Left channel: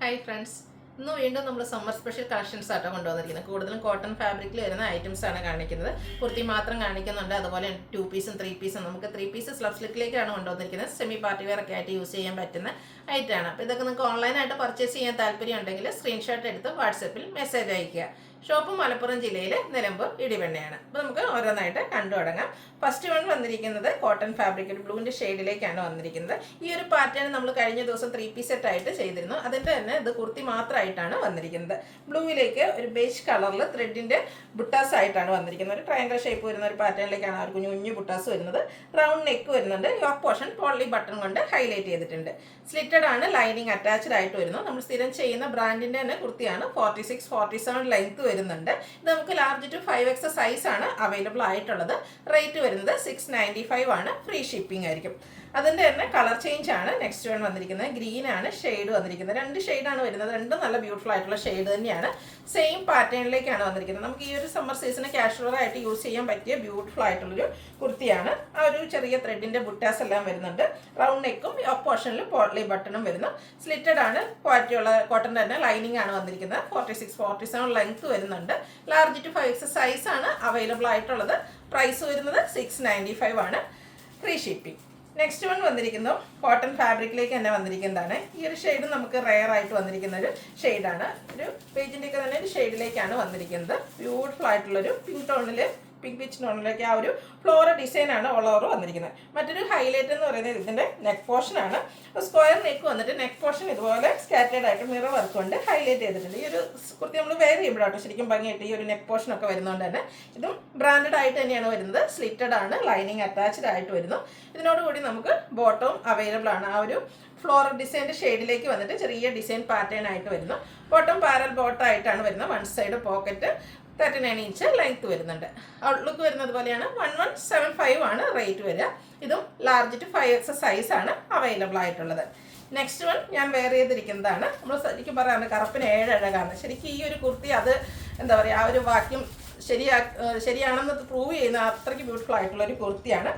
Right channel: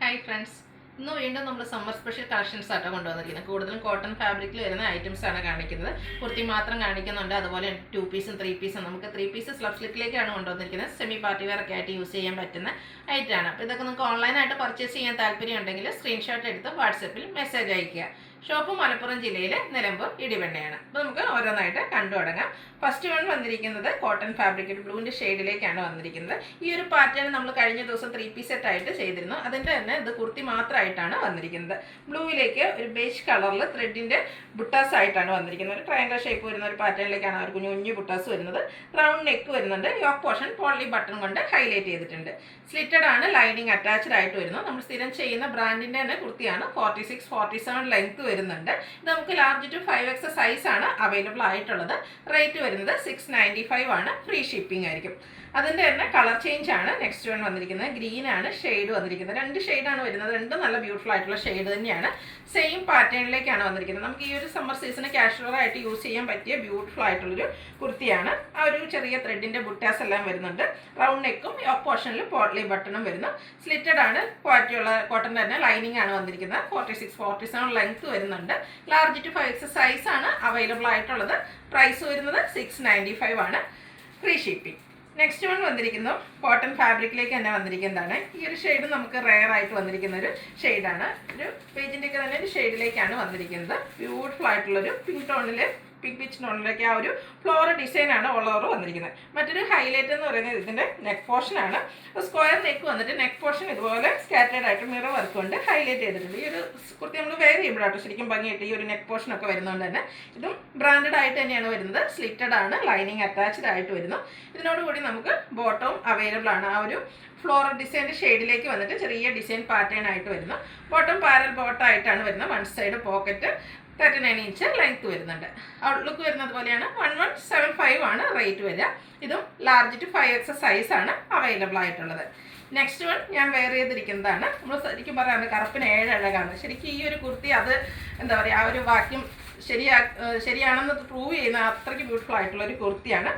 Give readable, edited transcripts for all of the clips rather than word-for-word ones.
Hi friends, ഇന്ന് വീണ്ടും നമ്മൾ സമ്മർ സ്പെഷ്യൽ കളക്ഷൻസ് ആട്ടോ കൊണ്ടുവന്നിരിക്കുന്നത്. കൂടുതലും കോട്ടൺ ഫാബ്രിക്കിൽ വരുന്ന ഐറ്റംസ് ആണ് കാണിക്കുന്നത്. കുർത്തി മാത്രം കാണിക്കുന്നുണ്ട്, അതുപോലെ 2 പീസും 3 പീസും. നമുക്ക് 3 പീസ് സ്ലബ് സ്ലിറ്റിലേക്കാണ് കൊണ്ടുവന്നിരിക്കുന്നത്. സെമി പാർട്ടി വെയർ ഒക്കെ ആയിട്ട് യൂസ് ചെയ്യാൻ പറ്റുന്ന ഐറ്റമാണ്. അപ്പോൾ ഇതൊക്കെ നിങ്ങൾക്ക് ഓൺലൈനായിട്ട് പർച്ചേസ് ചെയ്യാൻ താല്പര്യം ഉണ്ടെങ്കിൽ സ്ക്രീൻഷോട്ട് എടുത്ത് വാട്സപ്പിൽ മെസ്സേജ് അയയ്ക്കുക. ഷോപ്പ് മലപ്പുറം ജില്ലയിലെ നിലമ്പൂർ ഇടിവണ്ണയാണ്. അപ്പോൾ നമുക്ക് ഓരോന്നായിട്ട് കണ്ടു തുടങ്ങാം. ഫസ്റ്റ് വൺ വന്നിരിക്കുന്നത് കോട്ടൺ ഫാബ്രിക് ബ്ലൂവിൻ്റെ ഷെയ്ഡിലേക്കാണ് വന്നിരിക്കുന്നത്. ഈ ഒരു പാറ്റേൺ നമ്മൾ കഴിഞ്ഞ ദിവസം 3 പീസ് സെറ്റ് ആയിട്ട് ചെയ്തിരുന്നു. അതിൻ്റെ തന്നെ ഇത് കുർത്തി മാത്രമായിട്ടാണ് വന്നിരിക്കുന്നത്. ബ്ലൂവിലേക്ക് ഒരു ബേജ് കളറിൽ ത്രെഡിൻ്റെ ബുട്ടാസ് ആയിട്ടാണ് വന്നിരിക്കുന്നത്. ഒരു ട്രയാങ്കിൾ ഷേപ്പ് വരുന്ന ഒരു പാറ്റേണിലേക്കാണ് അവർ കുഞ്ഞു ബുട്ടാസ് വരുന്നത്. റൗണ്ട് നെക്ക് വരുന്നുണ്ട്. യോക്ക് പോർഷൻ പോളി ബട്ടൺ കൊണ്ട് ഹൈലൈറ്റ് ചെയ്തിട്ടുണ്ട്. സ്ലിറ്റഡ് ആണ്, ലൈനിങ് അറ്റാച്ച്ഡ് ആയിട്ട് വരുന്നു. നമ്മൾ സ്ഥിരം ചെയ്യുന്ന ബ്രാൻഡിൻ്റെ തന്നെ കുർത്തിയാണ്. 46-47 ലെങ്ത് വരുന്നുണ്ട്. ഇത് നമുക്ക് ലാർജ് ടു 5X സൈസാണ് അവൈലബിൾ ആയിട്ടുള്ളത്. റേറ്റ് വരുന്നത് 695 ആണ്. ഫ്രീ ഷിപ്പിംഗ് ആയിരിക്കും. അതിൻ്റെ തന്നെ കളർ ചേഞ്ച് ആണ് നെക്സ്റ്റ് വൺ വന്നിരിക്കുന്നത്. ഗ്രീൻ ആണ് ഷെയ്ഡ് വന്നിരിക്കുന്നത്. 2 ഷെയ്ഡാണ് വരുന്നത്. രണ്ടും നല്ല ബ്യൂട്ടിഫുൾ ആയിട്ടുള്ള ഷെയ്ഡ് തന്നെയാണ്. സെയിം പാറ്റേണിലേക്കാണ് വന്നിരിക്കുന്നത്. നമുക്ക് ഈ ഒരു സമ്മർ സീസണ് കാഷ്വൽ ആയിട്ട് യൂസ് ചെയ്യാൻ പറ്റിയ ബ്യൂട്ടിഫുൾ ആയിട്ടുള്ളൊരു കുർത്തിയാണ്. ആ ഒരു ചെറിയ ത്രെഡിൻ്റെ ബുട്ടാസ് എല്ലാം വരുന്നുണ്ട്. റൗണ്ട് നെക്കും യോക്ക് പോർഷനിൽ പോട്ട്ലി ബട്ടണും വരുന്നു. സ്ലിറ്റഡ് ആണ്, ക്വാളിറ്റിയുള്ള കോട്ടൺ തന്നെ. ലൈനിങ് ആണ് വന്നിരിക്കുന്നത്. 46-47 ലെങ്ത് വരുന്നുണ്ട്. ലാർജ് ടു 5X സൈസാണ് അവൈലബിൾ ആയിട്ടുള്ളത്. പ്രൈസ് വരുന്നത് 695 ആണ്. Free shipping. നെക്സ്റ്റ് വൺ വന്നിരിക്കുന്നു കോട്ടൺ ഫാബ്രിക്കിലേക്ക് തന്നെ വന്നിരിക്കുന്നതാണ്. ഈ ഒരു ഷെയ്ഡ് നമുക്ക് റെയർ ആയിട്ട് വന്നിരിക്കുന്ന ഒരു ഷെയ്ഡാണ്. ഒരു പേജിൻ്റെ ഒക്കെ തന്നെ ഒരു ഷെയ്ഡിലേക്കാണ് വന്നിരിക്കുന്നത്. ബ്യൂട്ടിഫുൾ ആയിട്ടുള്ളൊരു പിങ്ക് പിച്ച് ടോണിലേക്ക് ആ ഒരു ഫ്ലോറൽ ഡിസൈനാണ് ഓൾ ഓവർ വന്നിരിക്കുന്നത്. മറ്റൊരു ഹൈലൈറ്റ് എന്ന് പറയുന്നത് ഇതിൻ്റെ നെക്ക് പോർഷനാണ്. സ്ക്വയർ നെക്ക് വന്നിട്ട് നെക്ക് പോർഷൻ ഇതുപോലെ സ്കാറ്റേഡ് ആയിട്ട് മിറർ വർക്ക് കൊണ്ട് ഹൈലൈറ്റ് ചെയ്തിട്ടുണ്ട്. ഈ ഒരു കുർത്തി നമ്മൾ വെയർ ചെയ്യുമ്പോഴാട്ടോ ശരിക്കും ഭംഗിയായിട്ട് ഈ ഒരു നെക്ക് പോർഷൻ ഒക്കെ വരുന്നതുകൊണ്ട് തന്നെ ഇതും ബ്രാൻഡഡ് ആയിട്ട് തന്നെയാണ് വരുന്നത്. സ്ലിറ്റഡ് ആണ്, ലൈനിങ് അറ്റാച്ച്ഡ് ആയിട്ട് വരുന്നു. ഇതിനോടുകൂടി നമുക്ക് ബോട്ടവും അവൈലബിൾ ആണ്. ആ ഒരു ഫ്ലോറൽ ഡിസൈൻ്റെ ഷെയ്ഡിലേക്ക് വന്നിട്ട് ചെറിയ ഡിസൈൻ പാറ്റേൺ ആയിട്ട് വരുന്നു. ബോട്ടം പാരൽ ബോട്ടമായിട്ടാണ് വരുന്നത്. 1 സൈഡ് പോക്കറ്റ് 39 ഇഞ്ച് ലെങ്ത് വരുന്നുണ്ട്. ഔട്ട്ലുക്ക് വരുന്നത് പോലെയാണ്. 1175 ആണ് റേറ്റ് വരിക. ഇതും ലാർജ് ടു 5X സൈസാണ് അവൈലബിൾ ആയിട്ടുള്ളത്. നെക്സ്റ്റ് വൺ ഞാൻ വെയർ ചെയ്തിരിക്കുന്നതാണ്. നമ്മൾ ശരിക്കും പറയാറുണ്ട് കറുപ്പിന് 7 അഴകാണ്. ശരിക്കും ഈ ഒരു കുർത്തി അത് എന്താ പറയുക, ആ ഒരു വാക്യം ശരിയാണെന്ന് പ്രൂവ് ചെയ്യുന്ന അത്രയ്ക്ക് ബ്യൂട്ടിഫുൾ ആയിട്ടുള്ള ഒരു കുർത്തിയാണ്.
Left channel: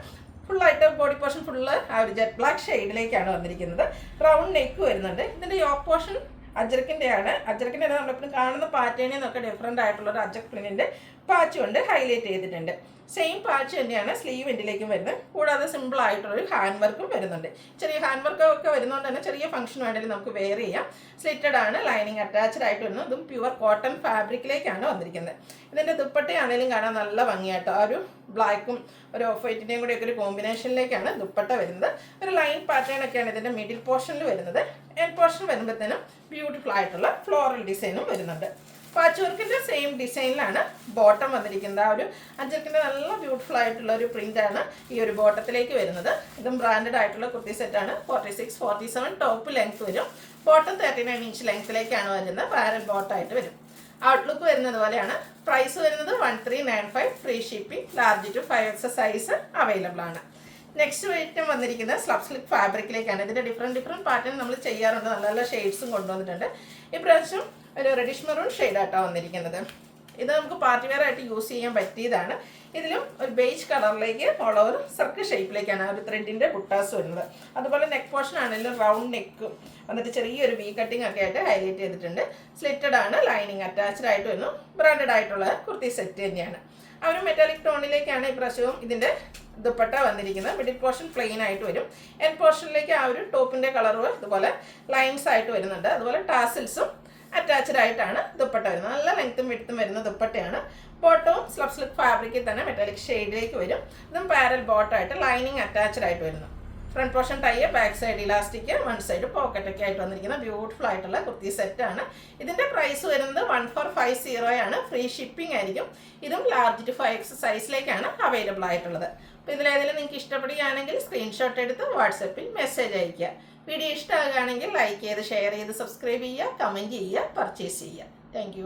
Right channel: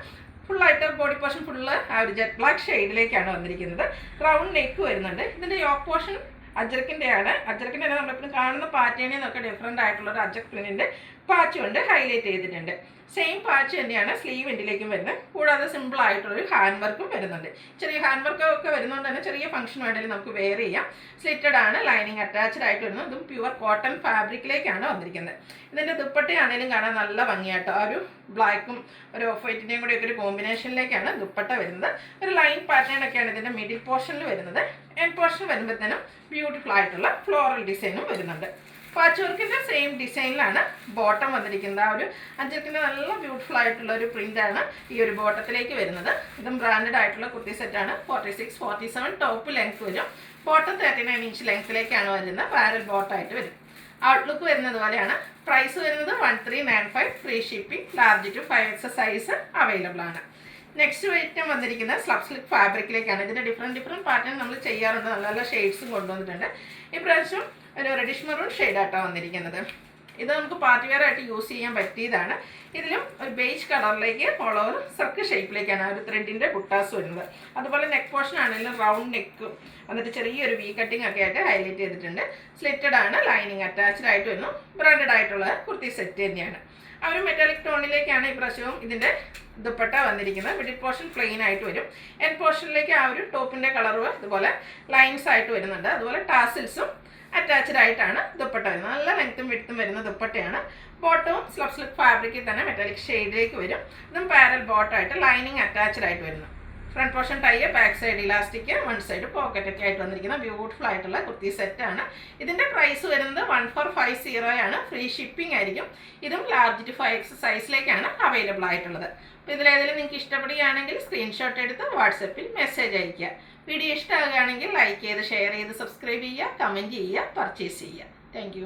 ഫുള്ളായിട്ട് ബോഡി പോർഷൻ ഫുള്ള് ആ ഒരു ജെറ്റ് ബ്ലാക്ക് ഷെയ്ഡിലേക്കാണ് വന്നിരിക്കുന്നത്. റൗണ്ട് നെക്ക് വരുന്നുണ്ട്. ഇതിൻ്റെ യോക്ക് പോർഷൻ അജ്രക്കിൻ്റെയാണ്. അജ്രക്കിൻ്റെ നമ്മളെപ്പോഴും കാണുന്ന പാറ്റേണിൽ നിന്നൊക്കെ ഡിഫറെൻ്റ് ആയിട്ടുള്ള ഒരു അജ്രക് പ്രിന്റിൻ്റെ പാച്ച് കൊണ്ട് ഹൈലൈറ്റ് ചെയ്തിട്ടുണ്ട്. സെയിം പാച്ച് തന്നെയാണ് സ്ലീവ് എൻഡിലേക്കും വരുന്നത്. കൂടാതെ സിമ്പിൾ ആയിട്ടുള്ളൊരു ഹാൻഡ് വർക്കും വരുന്നുണ്ട്. ചെറിയ ഹാൻഡ് വർക്കൊക്കെ വരുന്നതുകൊണ്ട് തന്നെ ചെറിയ ഫംഗ്ഷൻ വേണമെങ്കിൽ നമുക്ക് വെയർ ചെയ്യാം. സ്ലിറ്റഡ് ആണ്, ലൈനിങ് അറ്റാച്ച്ഡ് ആയിട്ട് വരുന്നത്. ഇതും പ്യുവർ കോട്ടൺ ഫാബ്രിക്കിലേക്കാണ് വന്നിരിക്കുന്നത്. ഇതിൻ്റെ ദുപ്പട്ടയാണെങ്കിലും കാണാൻ നല്ല ഭംഗിയാട്ടോ. ആ ഒരു ബ്ലാക്കും ഒരു ഓഫ് വൈറ്റിൻ്റെയും കൂടി ഒക്കെ ഒരു കോമ്പിനേഷനിലേക്കാണ് ദുപ്പട്ട വരുന്നത്. ഒരു ലൈൻ പാറ്റേൺ ഒക്കെയാണ് ഇതിൻ്റെ മിഡിൽ പോർഷനിൽ വരുന്നത്. എൻഡ് പോർഷൻ വരുമ്പോഴത്തേനും ബ്യൂട്ടിഫുൾ ആയിട്ടുള്ള ഫ്ലോറൽ ഡിസൈനും വരുന്നുണ്ട്. പാച്ച് വർക്കിൻ്റെ സെയിം ഡിസൈനിലാണ് ബോട്ടം വന്നിരിക്കുന്നത്. ആ ഒരു അഞ്ചർക്കിൻ്റെ നല്ല ബ്യൂട്ടിഫുൾ ആയിട്ടുള്ള ഒരു പ്രിൻ്റാണ് ഈ ഒരു ബോട്ടത്തിലേക്ക് വരുന്നത്. ഇതും ബ്രാൻഡഡ് ആയിട്ടുള്ള കുർത്തി സെറ്റാണ്. 46-47 ടോപ്പ് ലെങ്ത് വരും. ബോട്ടം 39 ഇഞ്ച് ലെങ്ത്തിലേക്കാണ് വരുന്നത്. പാരൽ ബോട്ടമായിട്ട് വരും. ഔട്ട്ലുക്ക് വരുന്നത് പോലെയാണ്. പ്രൈസ് വരുന്നത് 1395. Free shipping. Large to 5X size available ആണ്. നെക്സ്റ്റ് ഐറ്റം വന്നിരിക്കുന്നത് സ്ലബ് സ്ലിറ്റ് ഫാബ്രിക്കിലേക്കാണ്. ഇതിൻ്റെ ഡിഫറെൻറ്റ് പാറ്റേൺ നമ്മൾ ചെയ്യാറുണ്ട്. നല്ല നല്ല ഷെയ്ഡ്സും കൊണ്ടുവന്നിട്ടുണ്ട്. ഇപ്രാവശ്യം ഒരു റെഡിഷ് മെറൂൺ ഷെയ്ഡായിട്ടാണ് വന്നിരിക്കുന്നത്. ഇത് നമുക്ക് പാർട്ടി വെയർ ആയിട്ട് യൂസ് ചെയ്യാൻ പറ്റിയതാണ്. ഇതിലും ഒരു ബേജ് കളറിലേക്ക് ഓൾ ഓവർ സർക്കിൾ ഷേപ്പിലേക്കാണ് ഒരു ത്രെഡിൻ്റെ ബുട്ടാസ് വരുന്നത്. അതുപോലെ നെക്ക് പോർഷൻ ആണെങ്കിലും റൗണ്ട് നെക്കും എന്നിട്ട് ചെറിയൊരു വി കട്ടിങ് ഒക്കെ ആയിട്ട് ഹൈലൈറ്റ് ചെയ്തിട്ടുണ്ട്. സ്ലിറ്റഡ് ആണ്, ലൈനിങ് അറ്റാച്ച്ഡ് ആയിട്ട് വരുന്നു. ബ്രാൻഡഡ് ആയിട്ടുള്ള കുർത്തി സെറ്റ് തന്നെയാണ്. ആ ഒരു മെറ്റാലിക് ടോണിലേക്കാണ് ഈ പ്രാവശ്യവും ഇതിൻ്റെ ദുപ്പട്ട വന്നിരിക്കുന്നത്. മിഡിൽ പോർഷൻ പ്ലെയിൻ ആയിട്ട് വരും. എൻഡ് പോർഷനിലേക്ക് ആ ഒരു ടോപ്പിൻ്റെ കളറ് ഇതുപോലെ ലൈൻസ് ആയിട്ട് വരുന്നുണ്ട്. അതുപോലെ ടാസിൽസും അറ്റാച്ച്ഡ് ആയിട്ടാണ് ദുപ്പട്ട വരുന്നത്. നല്ല ലെങ്ത്തും വിഡ്ത്തും വരുന്ന ദുപ്പട്ടയാണ്. ബോട്ടവും സ്ലബ് സ്ലിറ്റ് ഫാബ്രിക്കിൽ തന്നെ മെറ്റാലിക് ഷെയ്ഡിലേക്ക് വരും. ഇതും പാരൽ ബോട്ടമായിട്ട് ലൈനിങ് അറ്റാച്ച്ഡ് ആയിട്ട് വരുന്നു. Front portion tie, back side elastic, 1 side pocket ഒക്കെ ആയിട്ട് വന്നിരിക്കുന്ന ബ്യൂട്ടിഫുൾ ആയിട്ടുള്ള കുർത്തി സെറ്റാണ്. ഇതിൻ്റെ പ്രൈസ് വരുന്നത് 1450 ആണ്. ഫ്രീ ഷിപ്പിംഗ് ആയിരിക്കും. ഇതും ലാർജ് ടു 5X സൈസിലേക്കാണ് അവൈലബിൾ ആയിട്ടുള്ളത്. അപ്പോൾ ഇതിലേതെങ്കിലും നിങ്ങൾക്ക് ഇഷ്ടപ്പെടുകയാണെങ്കിൽ സ്ക്രീൻഷോട്ട് എടുത്ത് വാട്സപ്പിൽ മെസ്സേജ് അയയ്ക്കുക. വീഡിയോ ഇഷ്ടമാകുകയാണെങ്കിൽ ലൈക്ക് ചെയ്ത് ഷെയർ ചെയ്ത് സബ്സ്ക്രൈബ് ചെയ്യുക, കമൻറ്റ് ചെയ്യുക, പർച്ചേസ് ചെയ്യുക. താങ്ക്